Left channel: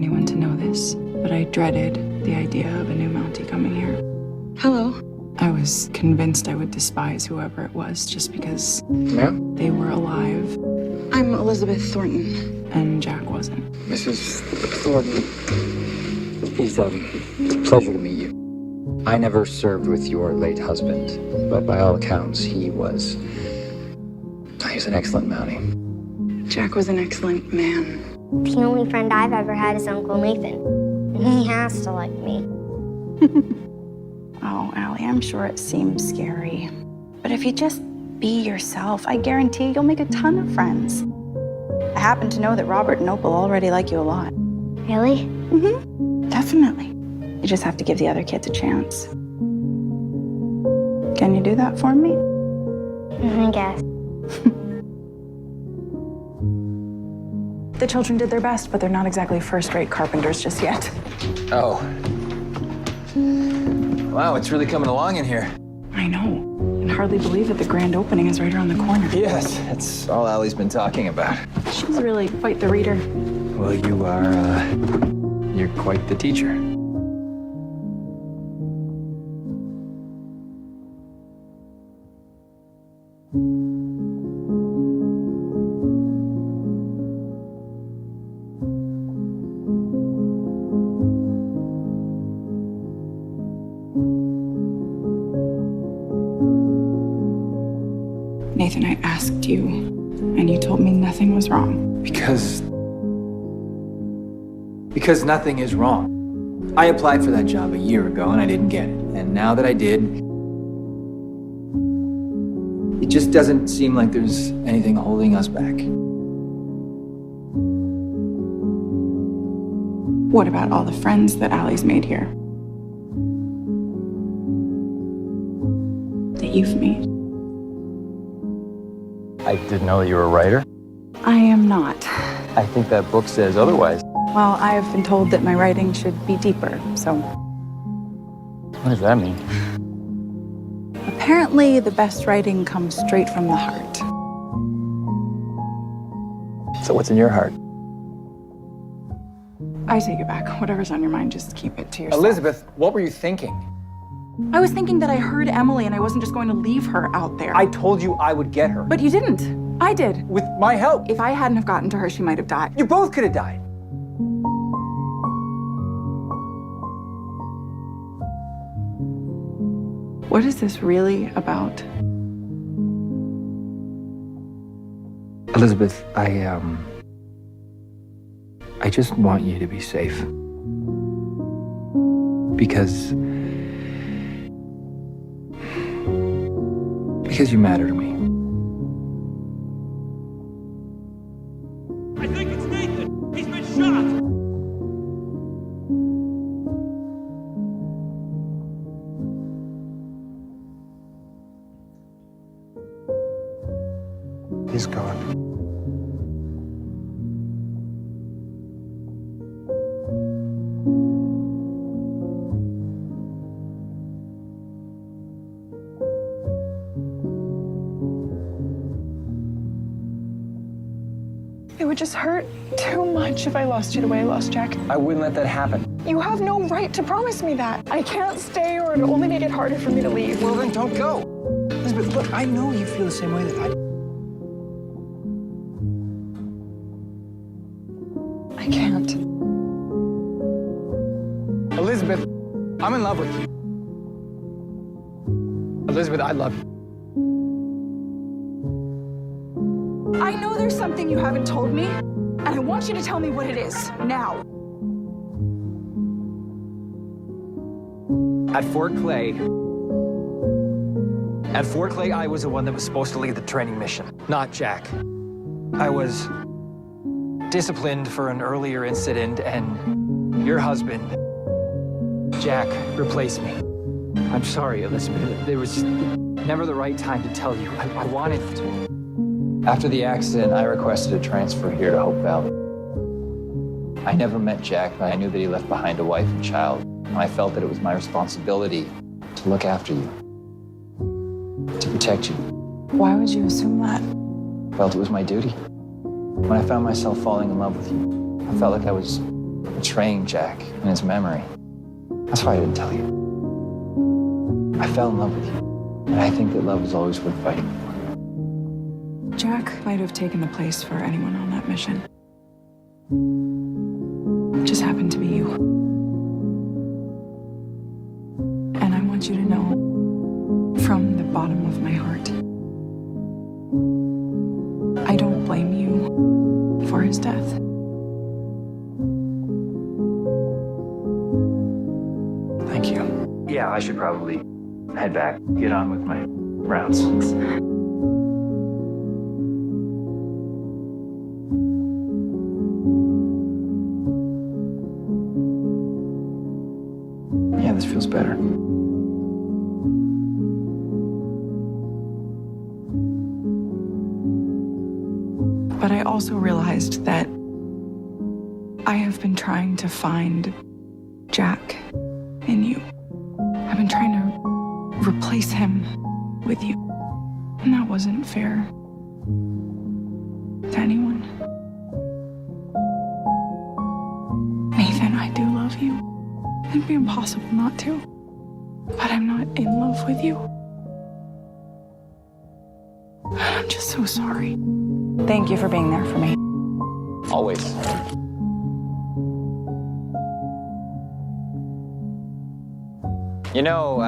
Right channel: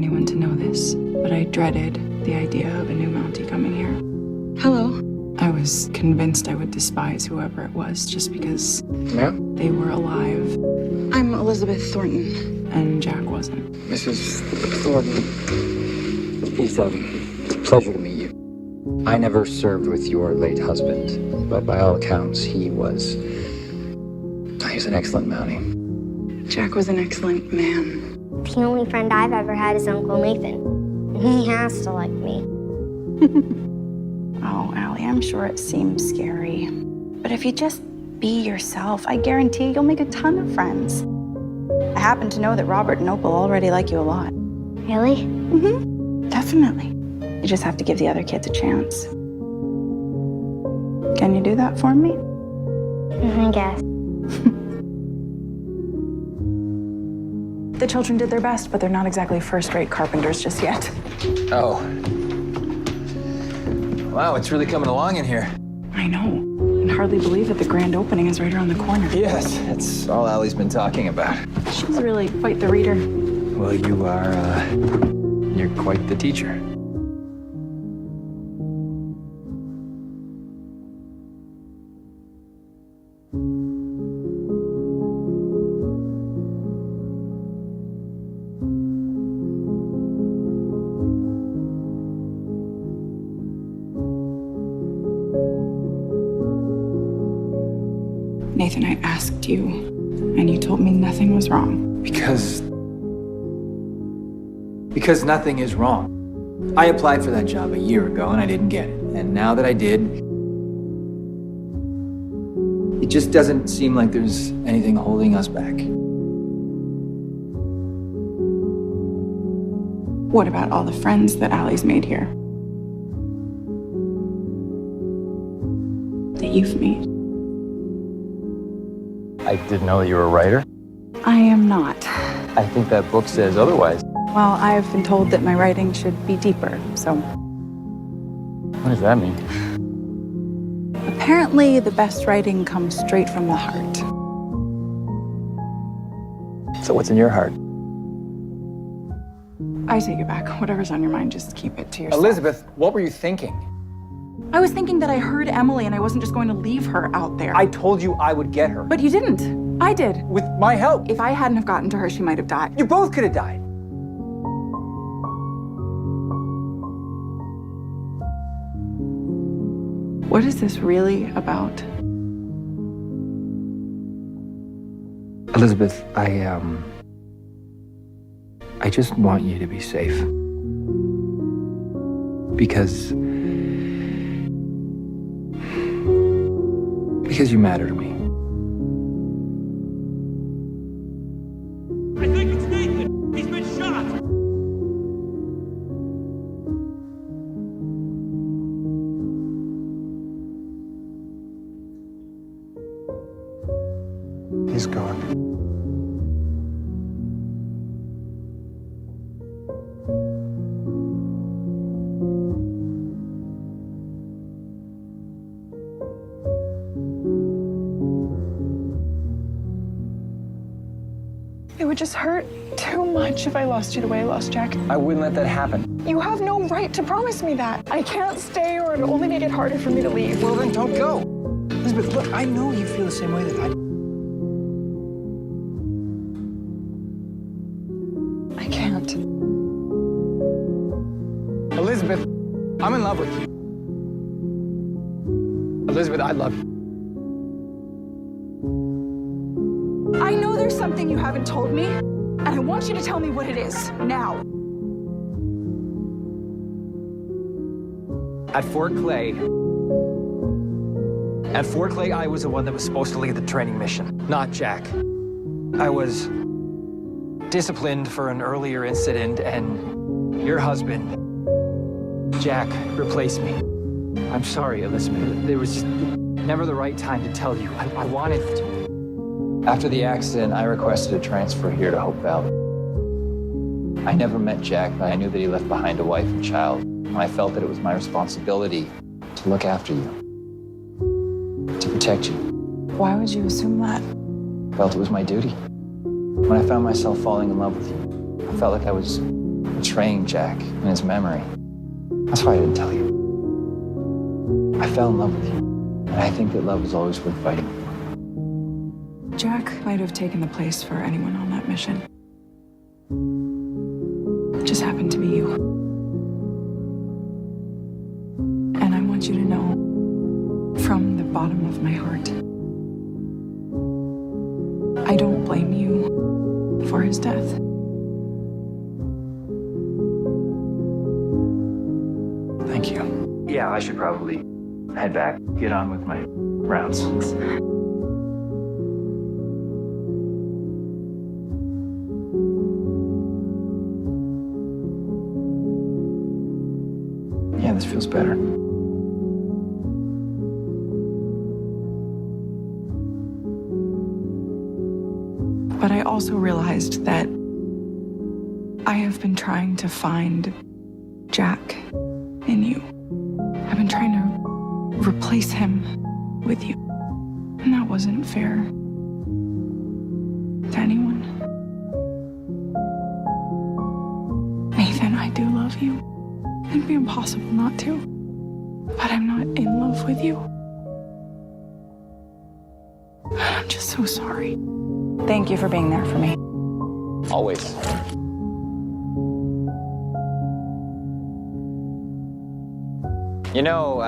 anyone to know this, but I dreaded the idea of a new Mountie coming here. Hello. I was convinced I would despise whoever it was just because they were alive I'm Elizabeth Thornton. and Jack wasn't. Mrs. Thornton, it's a pleasure to meet you. I never served with your late husband, but by all accounts, he was an excellent Mountie. Jack was an excellent man. The only friend I've ever had is Uncle Nathan. He has to like me. Oh, Allie, I'm sure it seems scary. But if you just be yourself, I guarantee you'll make a ton of friends. I happen to know that Robert and Opal already like you a lot. Really? Definitely. You just have to give the other kids a chance. Can you do that for me? I guess. The children did their best, but they're not exactly first-rate carpenters just yet. Oh. Wow, it's really coming along in here. I know. And hardly believe that the grand opening is right around the corner. Yes, that's all Allie's been talking about. She's really quite the reader. Well, you're quite the teacher. Nathan, I asked you, and you told me nothing was wrong. Because nothing is wrong. I applied for that job a year ago and I didn't get it. And now that I did, it just doesn't seem like there's anything holding us back. What about all the friends that Allie's made here? That you've made? I didn't know that you were a writer. I am not. I think that book says otherwise. Well, I've been told that my writing should be deeper, so. What does that mean? Apparently, the best writing comes straight from the heart. So what's in your heart? I take it back. Whatever's on your mind, just keep it to yourself. Elizabeth, what were you thinking? I was thinking that I heard Emily and I wasn't just going to leave her out there. I told you I would get her. But you didn't. I did. With my help. If I hadn't have gotten to her, she might have died. You both could have died. What is this really about? Elizabeth, I just want you to be safe. Because you matter to me. I think it's Nathan. He's been shot. He's gone. It would just hurt too much if I lost you the way I lost Jack. I wouldn't let that happen. You have no right to promise me that. I can't stay or it'll only make it harder for me to leave. Well, then don't go. Elizabeth, look, I know you feel the same way that I do. I can't. Elizabeth, I'm in love with you. Elizabeth, I love you. I know there's something you haven't told me, and I want you to tell me what it is, now. At Fort Clay, I was the one that was supposed to lead the training mission, not Jack. I was disciplined for an earlier incident, and your husband, Jack, replaced me. I'm sorry, Elizabeth. There was just never the right time to tell you. I wanted to. After the accident, I requested a transfer here to Hope Valley. I never met Jack, but I knew that he left behind a wife and child. And I felt that it was my responsibility to look after you, to protect you. Why would you assume that? I felt it was my duty. When I found myself falling in love with you, I felt like I was betraying Jack and his memory. That's why I didn't tell you. I fell in love with you, and I think that love is always worth fighting for. Jack might have taken the place for anyone on that mission. It just happened to be you. And I want you to know, from the bottom of my heart, I don't blame you for his death. Thank you. Yeah, I should probably head back, get on with my rounds. Yeah, this feels better. But I also realized that I have been trying to find Jack in you. I've been trying to replace him with you. And that wasn't fair to anyone. Nathan, I do love you. It'd be impossible not to. But I'm not in love with you. I'm just so sorry. Thank you for being there for me. Always. You know,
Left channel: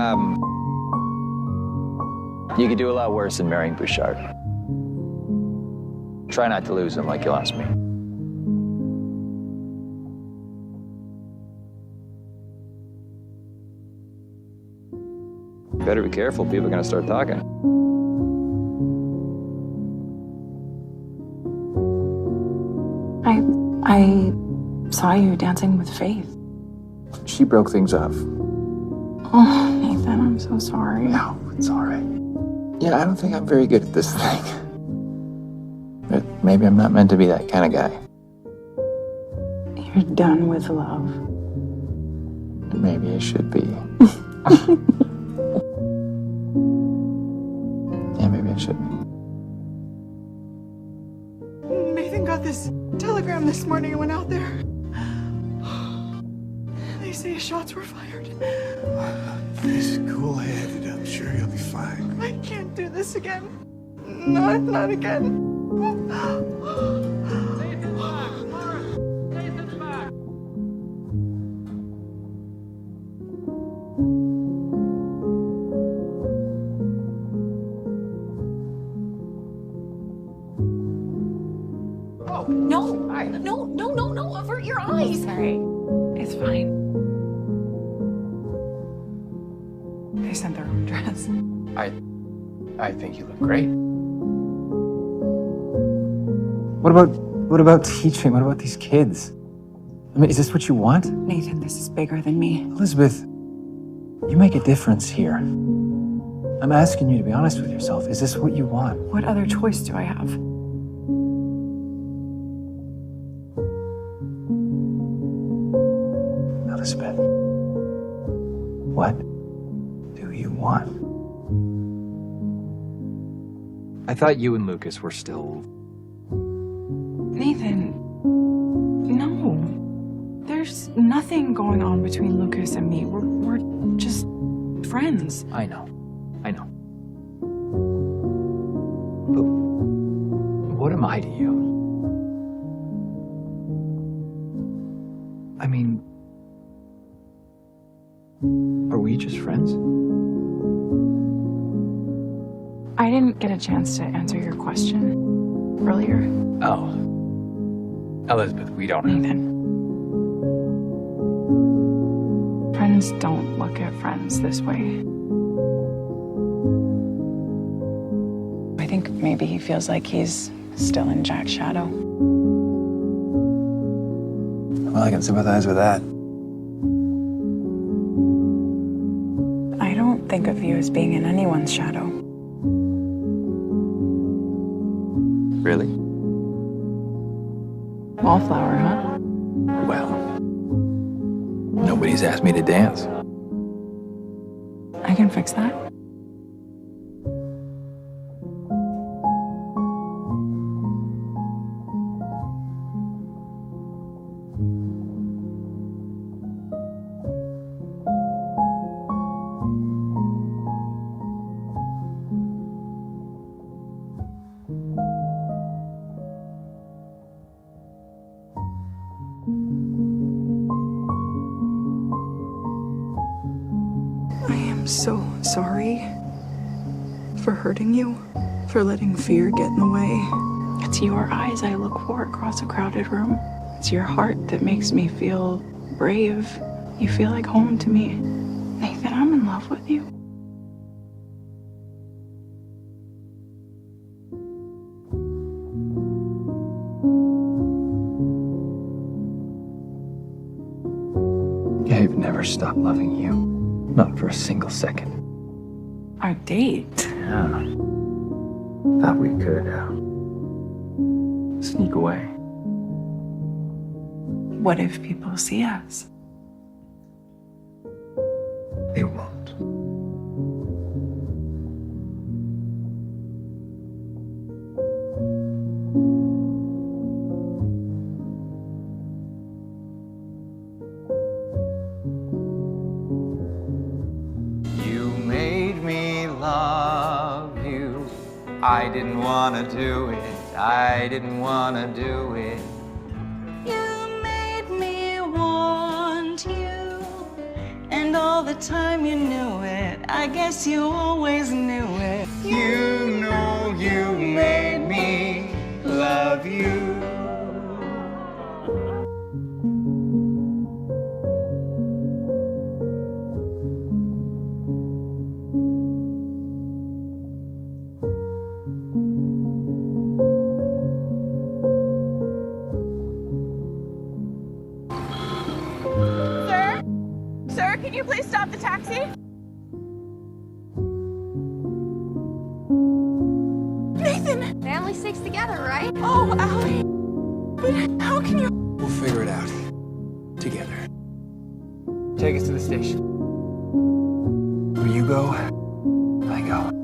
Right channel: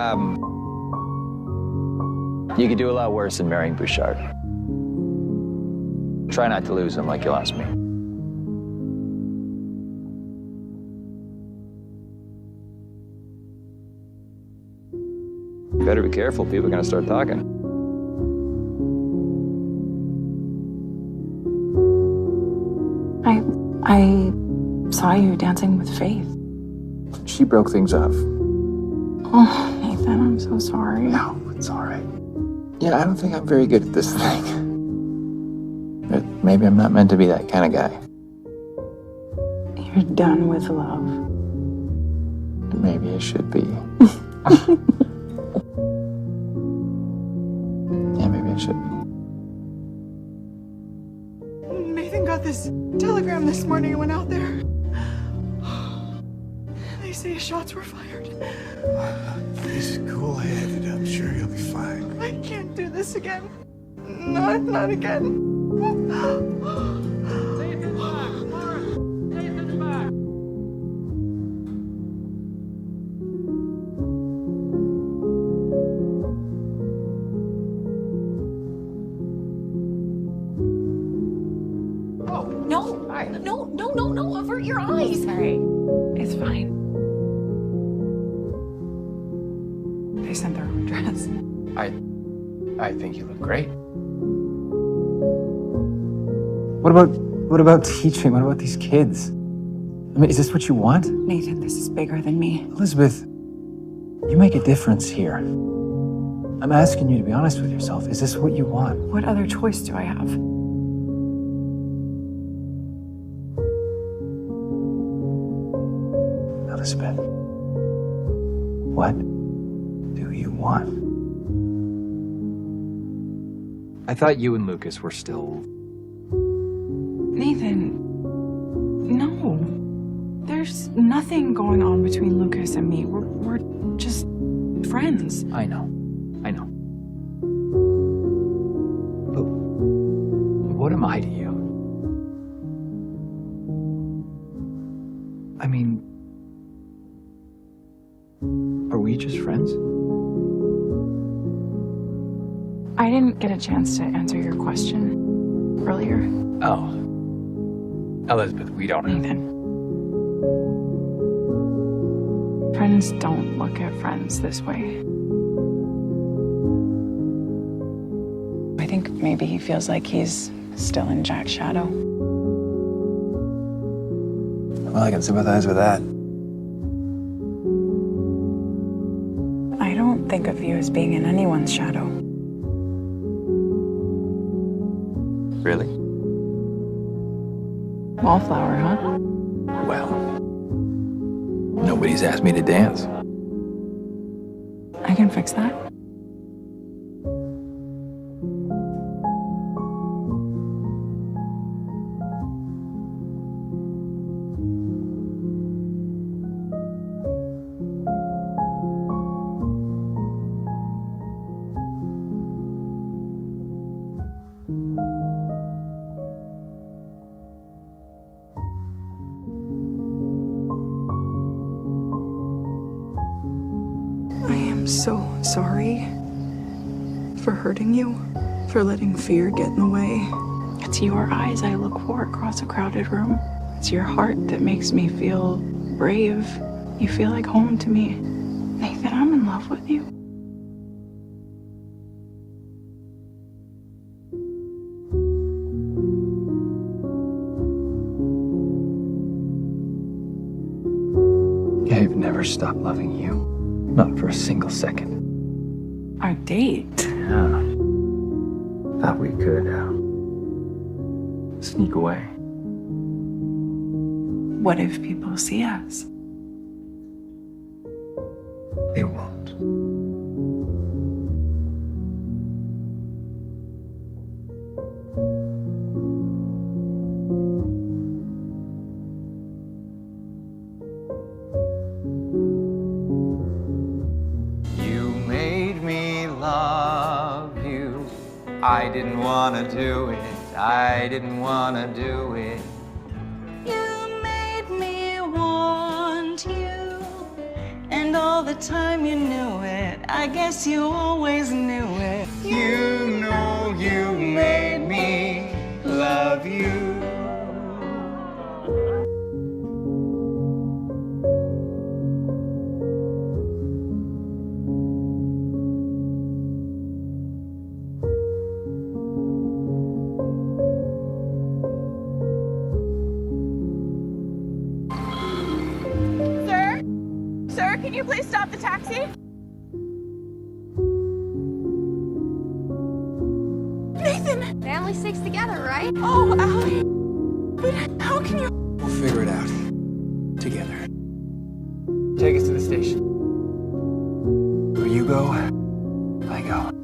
you could do a lot worse than marrying Bouchard. Try not to lose him like you lost me. You better be careful, people are gonna start talking. I saw you dancing with Faith. She broke things off. Oh, Nathan, I'm so sorry. No, it's all right. Yeah, I don't think I'm very good at this thing. But maybe I'm not meant to be that kind of guy. You're done with love. Maybe I should be. Yeah, maybe I should be. Nathan got this telegram this morning and went out there. They say shots were fired. He's cool-headed. I'm sure he'll be fine. I can't do this again. Not again. Nathan's back! Morris! Nathan's back! No, avert your eyes. Sorry. It's fine. They sent their own dress. I think you look great. What about teaching? What about these kids? I mean, is this what you want? Nathan, this is bigger than me. Elizabeth, you make a difference here. I'm asking you to be honest with yourself. Is this what you want? What other choice do I have? Elizabeth, what do you want? I thought you and Lucas were still... Nathan, no. There's nothing going on between Lucas and me. We're just friends. I know. But what am I to you? I mean, are we just friends? I didn't get a chance to answer your question earlier. Oh. Elizabeth, we don't... Nathan. Friends don't look at friends this way. I think maybe he feels like he's still in Jack's shadow. Well, I can sympathize with that. I don't think of you as being in anyone's shadow. Really? Wallflower, huh? Well, nobody's asked me to dance. I can fix that. I am so sorry for hurting you, for letting fear get in the way. It's your eyes I look for across a crowded room. It's your heart that makes me feel brave. You feel like home to me. Nathan, I'm in love with you. I've never stopped loving you. Not for a single second. Our date. Yeah. Thought we could sneak away. What if people see us? They won't. You made me love you. I didn't want to do it. I didn't want to do it. You made me want you. And all the time you knew it. I guess you always knew it. You know you made me love you. Sir, can you please stop the taxi? Nathan! Family sticks together, right? Oh, Allie. But how can you... We'll figure it out. Together. Take us to the station. Where you go, I go.